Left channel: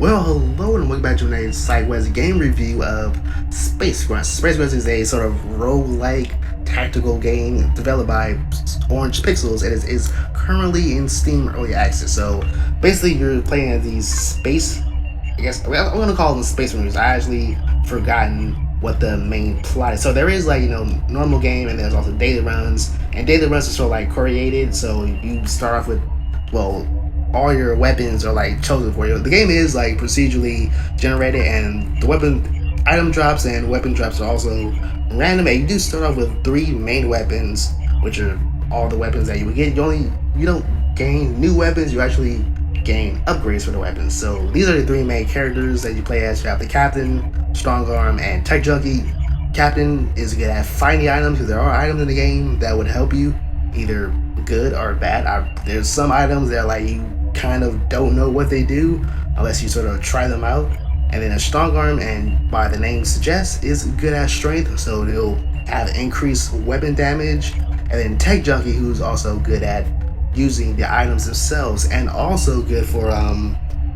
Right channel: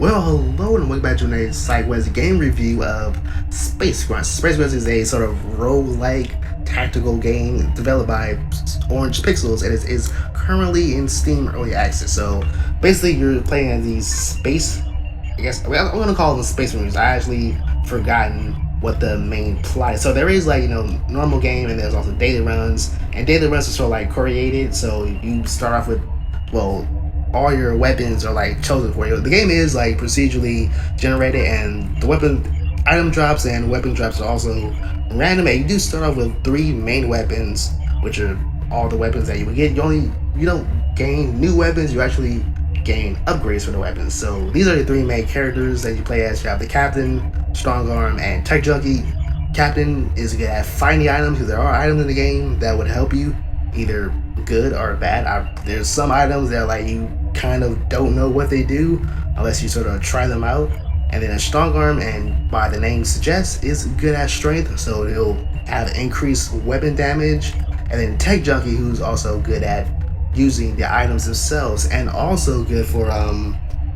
Well, hello and welcome back to another Sidekuest game review of Space Grunts. Space Grunts is a sort of roguelike tactical game developed by Orange Pixels and is currently in Steam Early Access. So basically, you're playing as these space. I guess I'm gonna call them space maroons. I actually forgotten what the main plot is. So there is like normal game and there's also daily runs, and daily runs are sort of like created. So you start off with all your weapons are like chosen for you. The game is like procedurally generated, and the item drops and weapon drops are also random. And you do start off with 3 main weapons, which are all the weapons that you would get. You don't gain new weapons. You actually gain upgrades for the weapons. So these are the 3 main characters that you play as. You have the Captain, Strong Arm, and Tech Junkie. Captain is good at finding items because there are items in the game that would help you, either good or bad. There's some items that like you kind of don't know what they do unless you sort of try them out. And then a Strong Arm, and by the name suggests, is good at strength, so it'll have increased weapon damage. And then Tech Junkie, who's also good at using the items themselves, and also good for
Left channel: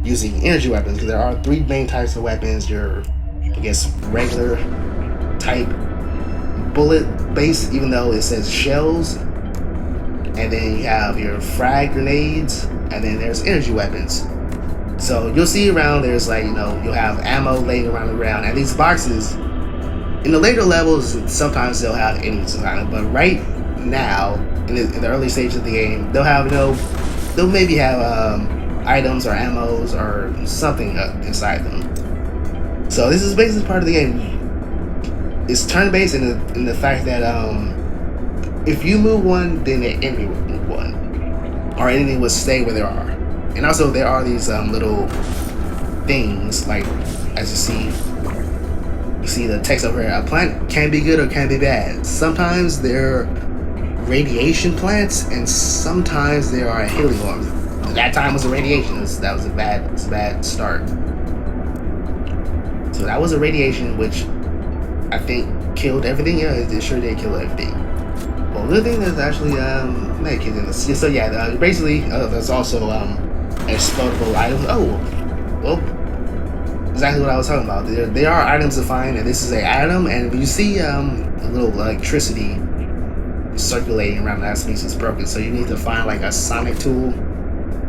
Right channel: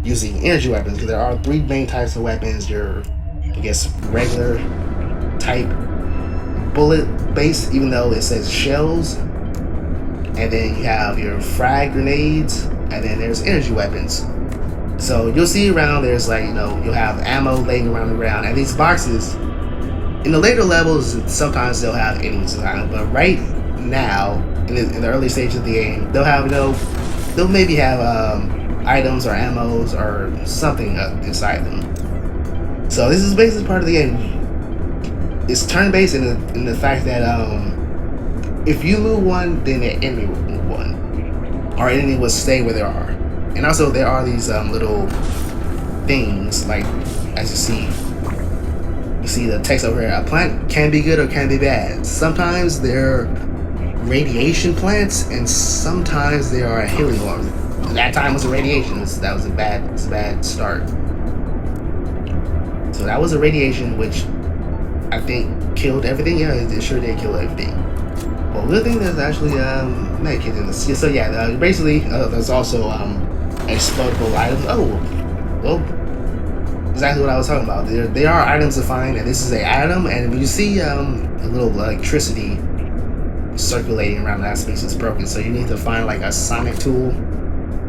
using energy weapons, because there are 3 main types of weapons. Your, I guess, regular type bullet base, even though it says shells, and then you have your frag grenades, and then there's energy weapons. So you'll see around there's like, you'll have ammo laying around the ground, and these boxes in the later levels sometimes they'll have enemies inside them, but right now in the early stage of the game they'll have they'll maybe have items or ammos or something inside them. So this is basically part of the game. It's turn-based in the fact that if you move one, then the enemy will move one, or enemy will stay where they are. And also there are these little things, like as you see the text over here. A plant can be good or can be bad. Sometimes they're radiation plants, and sometimes they are a healing orb. That time was a radiation. That was a bad start. So that was a radiation, which I think killed everything. Yeah, it sure did kill everything. Well, the thing that's actually medkit in this. So yeah, basically there's also explodable items. Oh, well, exactly what I was talking about. There are items to find, and this is an item. And if you see a little electricity circulating around that space, is broken. So you need to find like a sonic tool.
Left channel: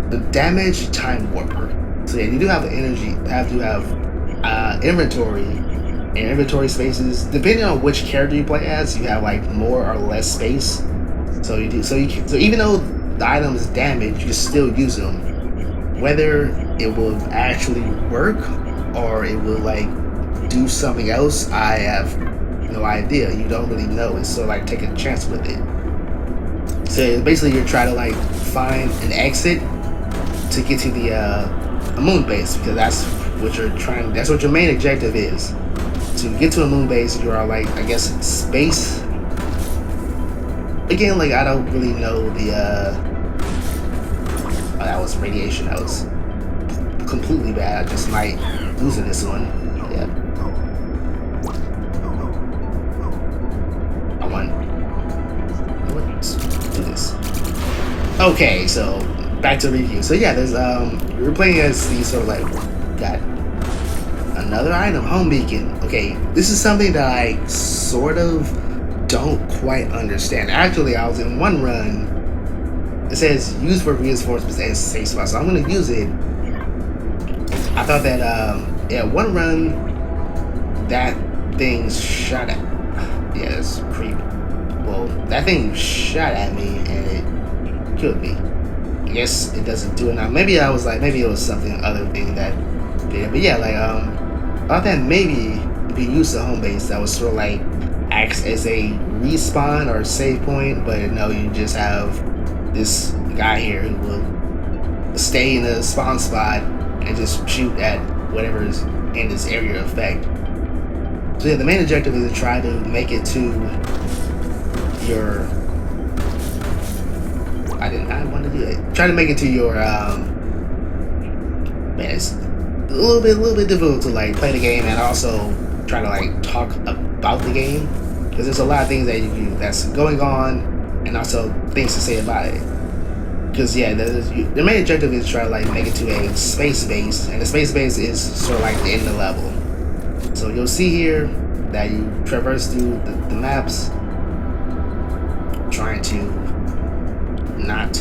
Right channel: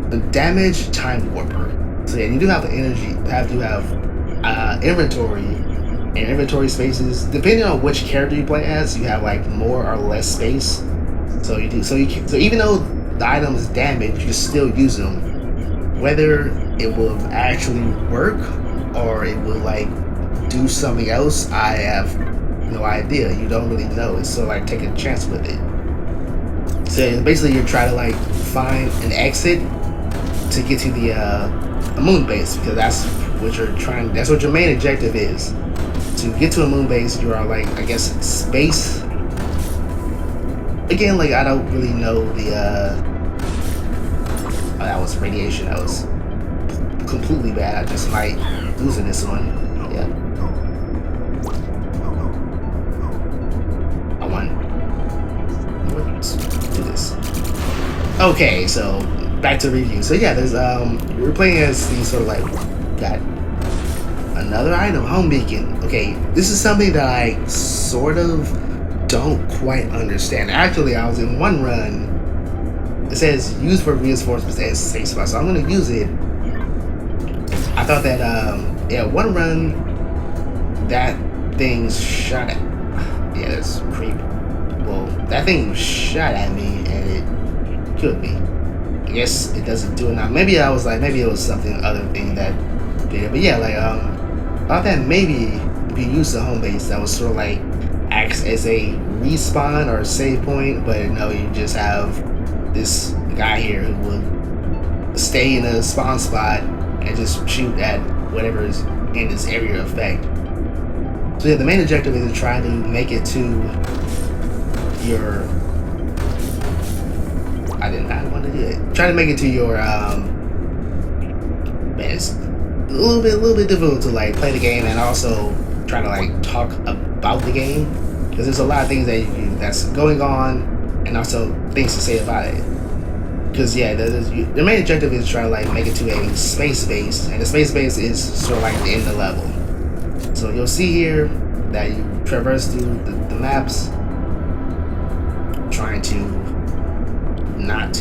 The damage time warper. So yeah, you do have the energy. Have inventory. And inventory spaces, depending on which character you play as, you have like more or less space. So even though the item is damaged, you can still use them. Whether it will actually work or it will like do something else, I have no idea. You don't really know. It's sort of like taking a chance with it. So basically, you're trying to like find an exit to get to the moon base, because that's what your main objective is. To get to a moon base, you are like, I guess, space. Again, like I don't really know the oh, that was radiation. That was completely bad. I just might lose in this one. Yeah. Let's do this. Okay, so back to review. So yeah, there's we're playing as these sort of like got another item, home beacon. Okay, this is something that I sort of don't quite understand. Actually, I was in one run. It says use for reinforcements and safe spots, so I'm gonna use it. I thought that one run that thing shot at. Yeah, that's creepy. Well, that thing shot at me and it killed me. I guess it doesn't do it now. Maybe it was something other thing that did it. But yeah, like I thought that maybe if you use the home base, that was sort of like acts as a respawn or save point, but no, you just have this guy here who will stay in a spawn spot and just shoot at whatever is in this area of effect. So yeah, the main objective is to try to make it to your. I did not want to do it. Try to make it to your. Man, it's a little bit difficult to like play the game and also try to like talk about the game, because there's a lot of things that's going on and also things to say about it. because yeah, the main objective is to try to like make it to a space base, and the space base is sort of like the end of the level. So you'll see here that you traverse through the maps, trying to not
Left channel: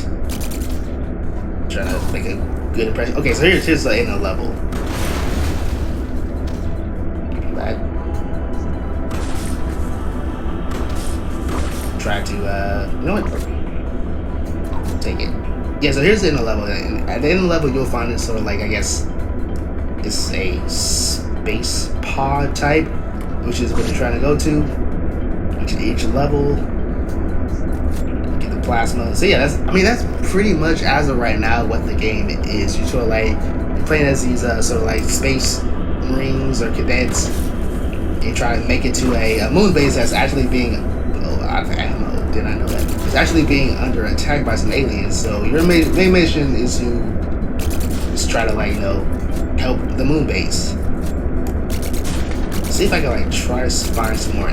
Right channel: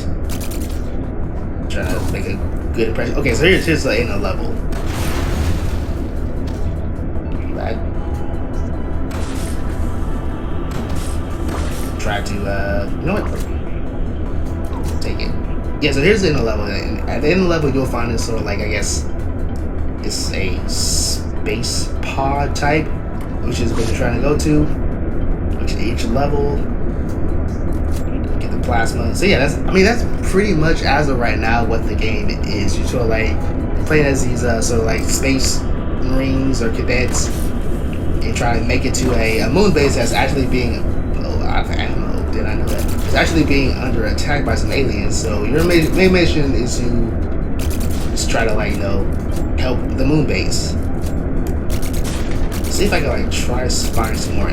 trying to make a good impression. Okay, so here's the end of the level. I try to you know what? Take it. Yeah, so here's the end of the level, and at the end of the level you'll find this sort of like, I guess it's a space pod type, which is what you're trying to go to. Each level, get the plasma. So yeah, that's pretty much as of right now what the game is. You sort of like you're playing as these sort of like space marines or cadets, and try to make it to a moon base that's actually being did I know that? It's actually being under attack by some aliens. So your main mission is to just try to like, you know, help the moon base. See if I can like try to find some more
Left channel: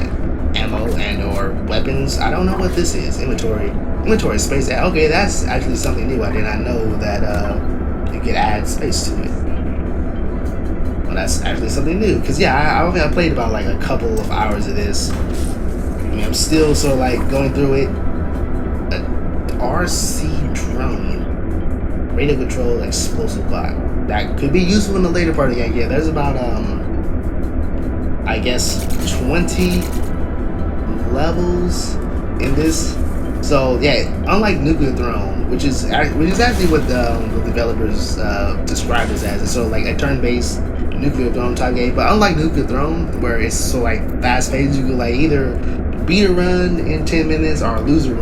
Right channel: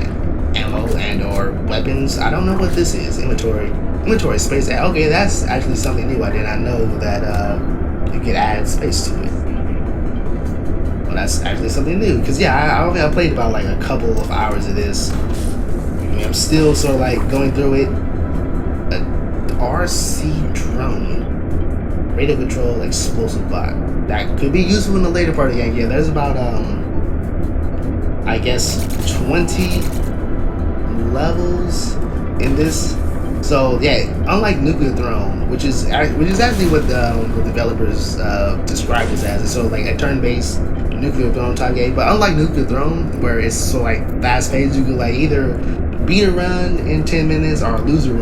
ammo and or weapons. I don't know what this is. Inventory space. Okay, that's actually something new. I did not know that you could add space to it. Well, that's actually something new. Because yeah, I played about like a couple of hours of this. I mean, I'm still sort of like going through it. An RC drone, radio controlled explosive bot that could be useful in the later part of the game. Yeah, there's about I guess 20 levels in this. So yeah, unlike Nuclear Throne, which is actually what the developers described this as, it's sort of like a turn-based Nuclear Throne type game. But unlike Nuclear Throne, where it's so like fast-paced, you can like either beat a run in 10 minutes or lose a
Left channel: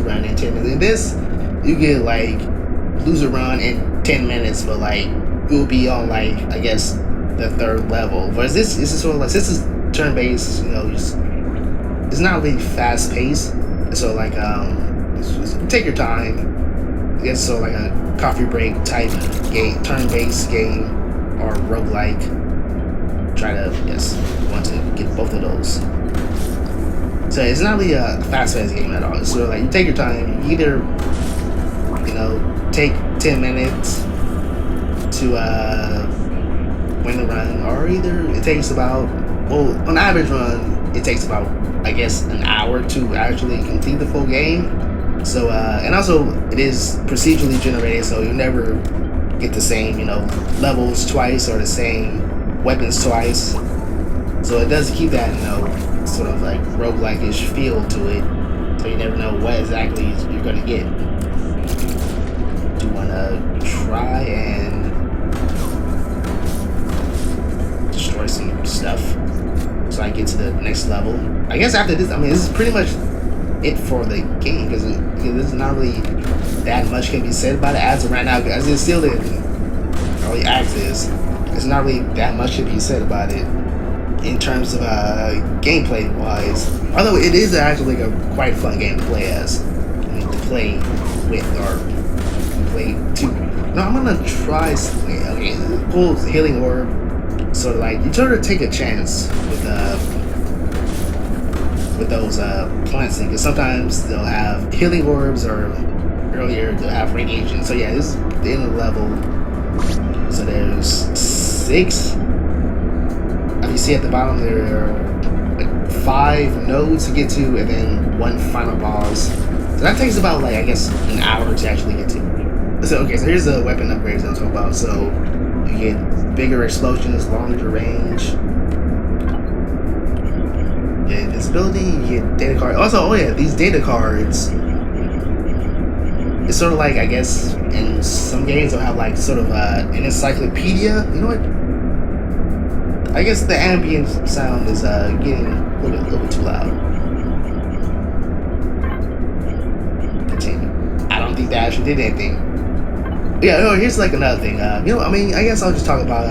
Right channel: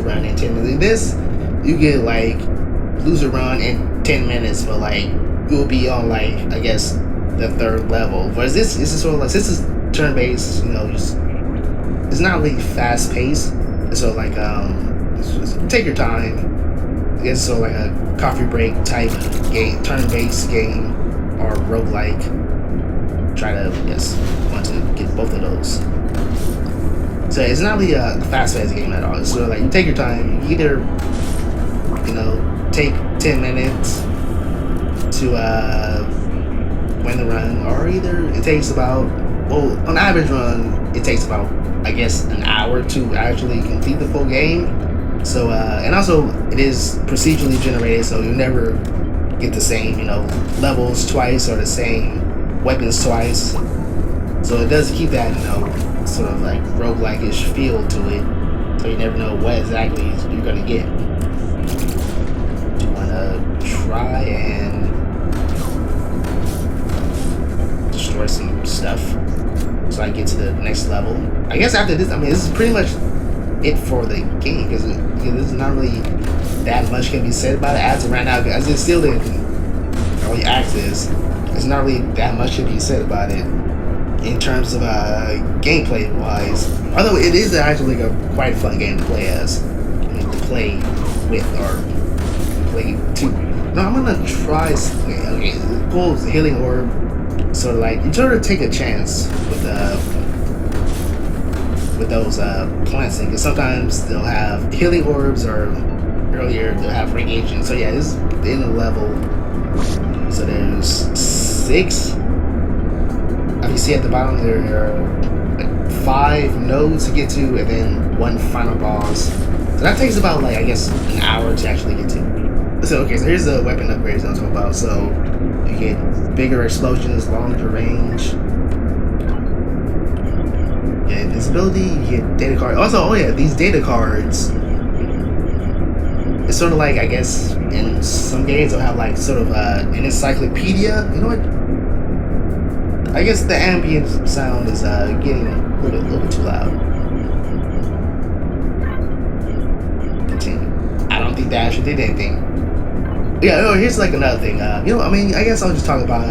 run in 10 minutes. In this, you get like lose a run in 10 minutes, but like you'll be on like, I guess, the third level. Whereas this is sort of like, this is turn-based, you know, it's not really fast-paced. So like just take your time. I guess so like a coffee break type game, turn-based game, or roguelike. Try to want to get both of those. So it's not really a fast-paced game at all. It's sort of like you take your time. You either, you know, take 10 minutes to win the run, or either it takes about, well, on average run it takes about, I guess, an hour to actually complete the full game. So and also it is procedurally generated, so you never get the same, you know, levels twice or the same weapons twice. So it does keep that, you know, sort of like roguelike-ish feel to it. So you never know what exactly you're gonna get. Do you wanna try and destroy some stuff so I get to the next level? I guess after this, I mean, this is pretty much it for the game, because there's not really that much can be said about it as of right now, because it's still in early access. There's not really that much can be said about it in terms of gameplay wise, although it is actually like a quite fun game to play as. I mean, to play with or play to. No, I'm gonna try. Okay, pull healing orb. So like you sort of take a chance with those plants, because sometimes they'll have healing orbs, or earlier they'll have radiation. So yeah, this is the end of the level. So there's 6. If you see at the bottom, there are like 5 nodes to get to, and then 1 final boss. So that takes about, like, I guess, an hour to actually get to. So okay, so here's the weapon upgrades I'm talking about. So you get bigger explosions, longer range. You get invisibility, you get data cards. Also, oh yeah, these data cards, it's sort of like, I guess, in some games they'll have like sort of an encyclopedia. You know what? I guess the ambient sound is getting a little bit too loud. Continue. I don't think that actually did anything. Yeah, no, here's like another thing. You know, I mean, I guess I'll just talk about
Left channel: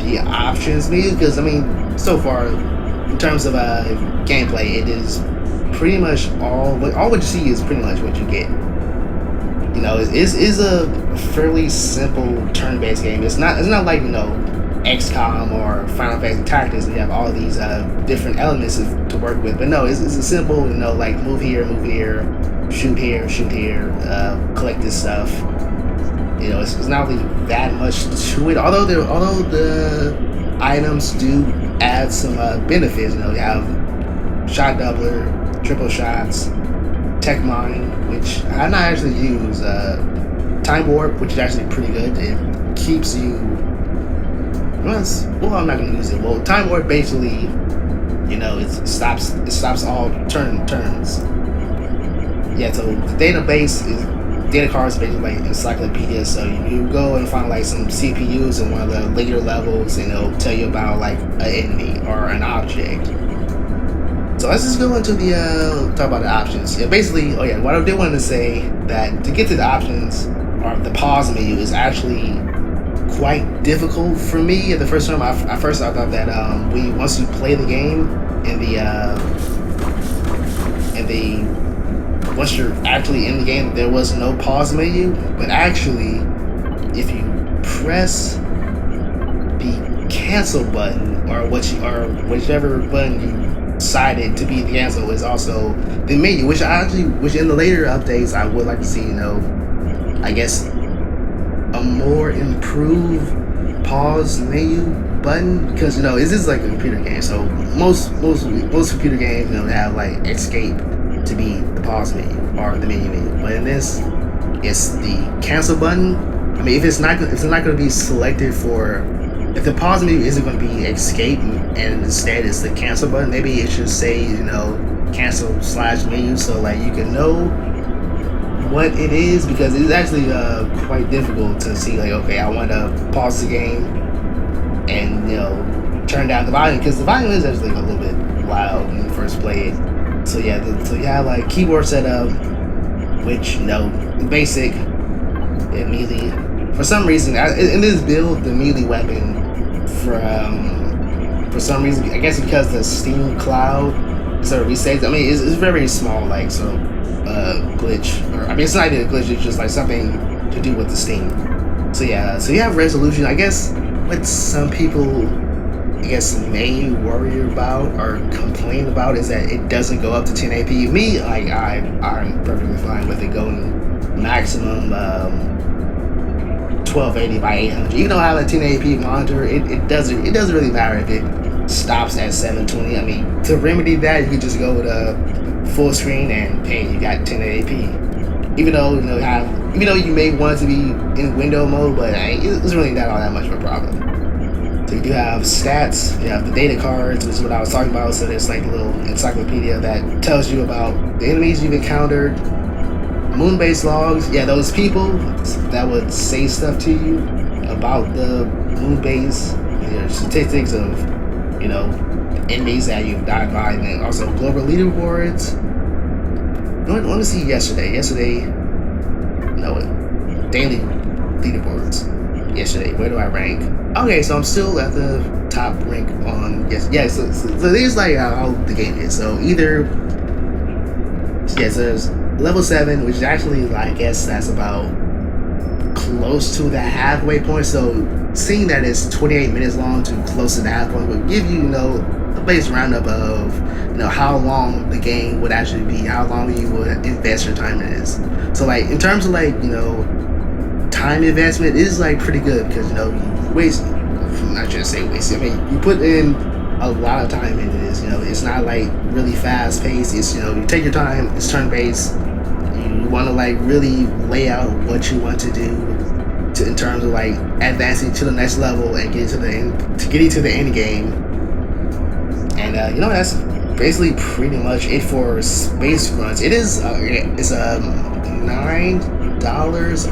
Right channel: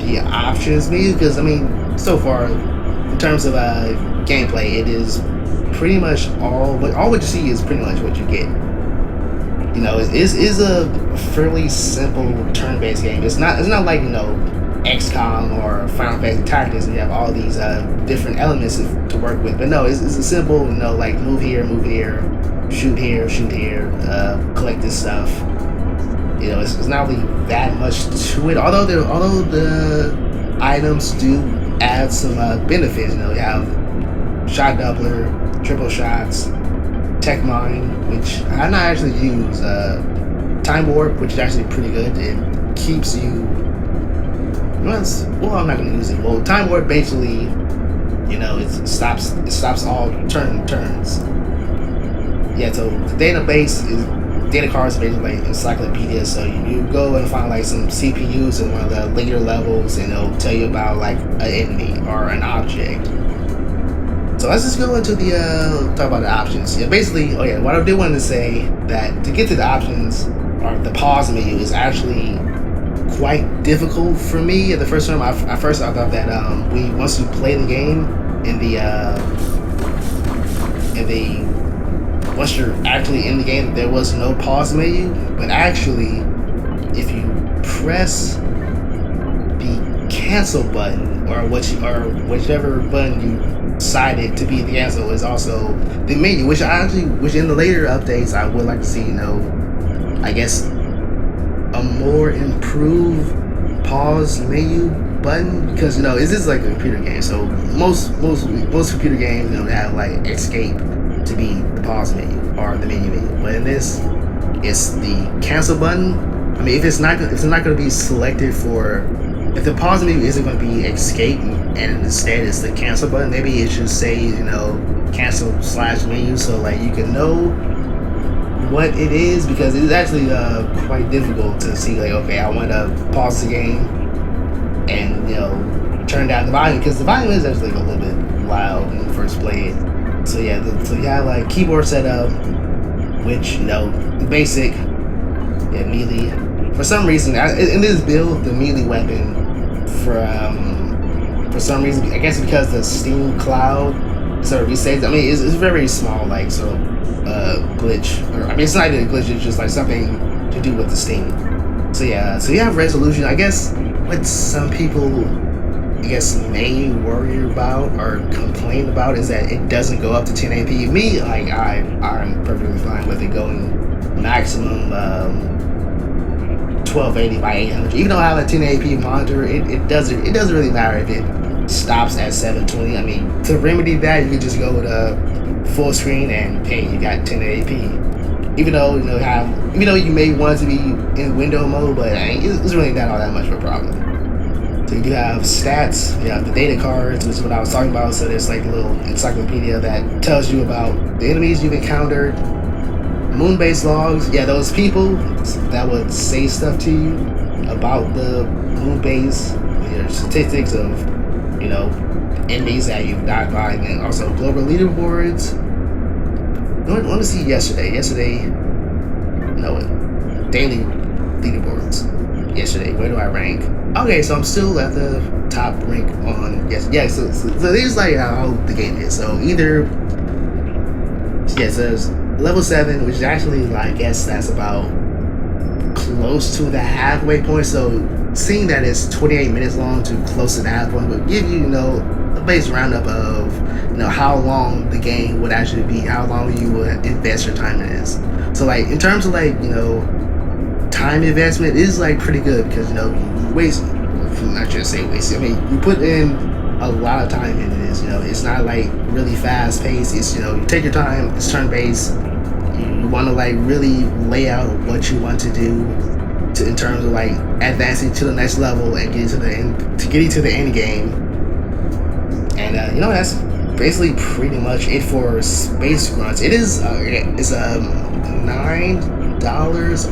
the options menu, because I mean, so far, in terms of gameplay, it is pretty much all what you see is pretty much what you get. You know, it is a fairly simple turn-based game. It's not like, you know, XCOM or Final Fantasy Tactics. We have all these different elements to work with. But no, it's a simple, like move here, shoot here, collect this stuff. It's not really that much to it. Although the items do add some benefits. You have shot doubler, triple shots, tech mine, which I not actually use. Time warp, which is actually pretty good. It keeps you. Well, I'm not gonna use it. Well, time warp basically, it stops all turns. Yeah, so the database is data cards are basically like encyclopedia. So you go and find like some CPUs in one of the later levels, and it'll tell you about like an enemy or an object. So let's just go into the talk about the options. Yeah, basically, what I did want to say that to get to the options or the pause menu is actually quite difficult for me. At the first time, I thought that once you play the game once you're actually in the game, there was no pause menu. But actually, if you press the cancel button or whichever button you decided to be the cancel is also the menu, which in the later updates I would like to see. I guess a more improved pause menu button, because this is like a computer game, so most computer games have like escape to be the pause menu or the menu, but in this it's the cancel button. I mean, if it's not going to be selected for, if the pause menu isn't going to be escape and instead it's the cancel button, maybe it should say cancel/menu, so like you can know what it is, because it's actually quite difficult to see like, okay, I want to pause the game and turn down the volume, because the volume is actually a little bit loud when you first play it. So yeah, so you have like keyboard setup, which basic, melee. For some reason, in this build, the melee weapon for some reason, I guess because the Steam cloud sort of resets. I mean, it's very small, like sort of glitch, or I mean, it's not even a glitch. It's just like something to do with the Steam. So yeah, so you have resolution. I guess what some people, may worry about or complain about is that it doesn't go up to 1080p. Me, like I'm perfectly fine with it going maximum 1280 by 800. Even though I have a 1080p monitor, it doesn't really matter if it stops at 720. I mean, to remedy that, you can just go with a full screen and hey, you got 1080p. Even though you may want it to be in window mode, but it's really not all that much of a problem. So you do have stats, you have the data cards, which is what I was talking about. So there's like a little encyclopedia that tells you about the enemies you've encountered, moon-based logs. Yeah, those people that would say stuff to you about the moon base, statistics of enemies that you've died by, and then also global leaderboards. Let me see yesterday, daily leaderboards. Yesterday, where do I rank? Okay, so I'm still at the top rank on so here's like how the game is. So either there's level 7, which is actually I guess that's about close to the halfway point. So seeing that it's 28 minutes long to close to the halfway point would give you a base roundup of how long the game would actually be, how long you would invest your time in this. So like in terms of time investment, it is pretty good, because you waste, I'm not trying to say waste, I mean you put in a lot of time into this. It's not really fast paced. It's you take your time. It's turn based. You want to really lay out what you want to do in terms of advancing to the next level and getting to the end game. And that's basically pretty much it for Space Grunts. It is it's $9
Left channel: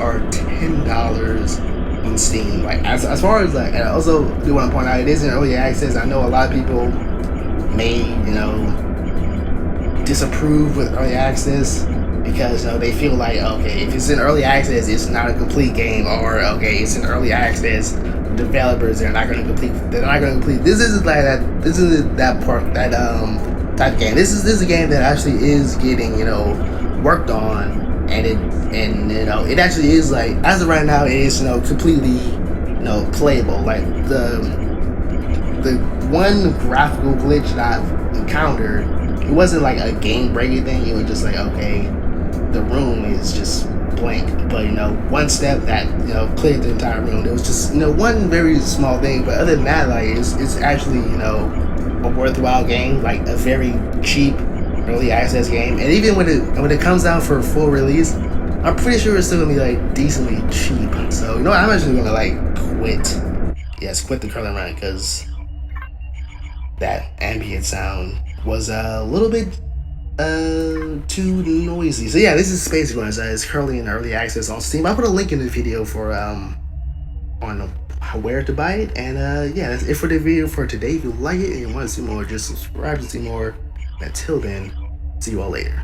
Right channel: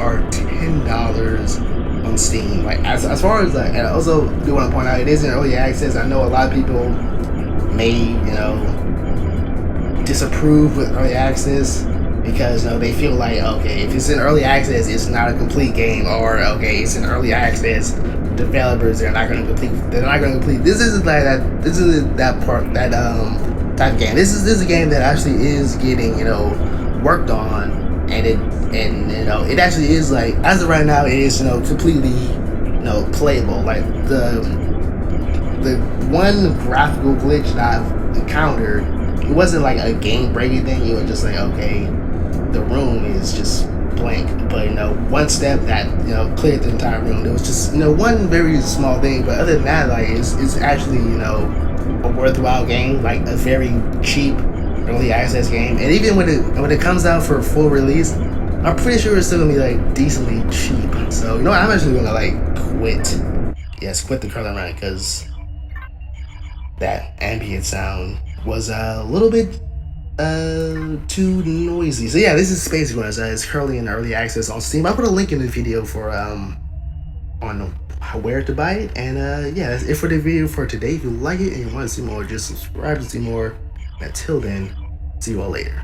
or $10 on Steam. As far as and I also do want to point out, it is in early access. I know a lot of people may disapprove with early access, because they feel like, okay, if it's in early access, it's not a complete game, or okay, it's in early access, developers they're not going to complete. This isn't that type of game. This is a game that actually is getting worked on, and it actually is as of right now, it is completely playable. Like the one graphical glitch that I've encountered, it wasn't like a game breaking thing. It was just like, okay, the room is just blank. But one step that cleared the entire room. There was just one very small thing, but other than that, like it's actually a worthwhile game, like a very cheap early access game. And even when it comes out for full release, I'm pretty sure it's still gonna be like decently cheap. So I'm actually gonna like quit. Yes, quit the curling run because that ambient sound was a little bit too noisy. So yeah, this is Space Grunts. It's currently in early access on Steam. I'll put a link in the video for on where to buy it. And yeah, that's it for the video for today. If you like it and you want to see more, just subscribe to see more. Until then, see you all later.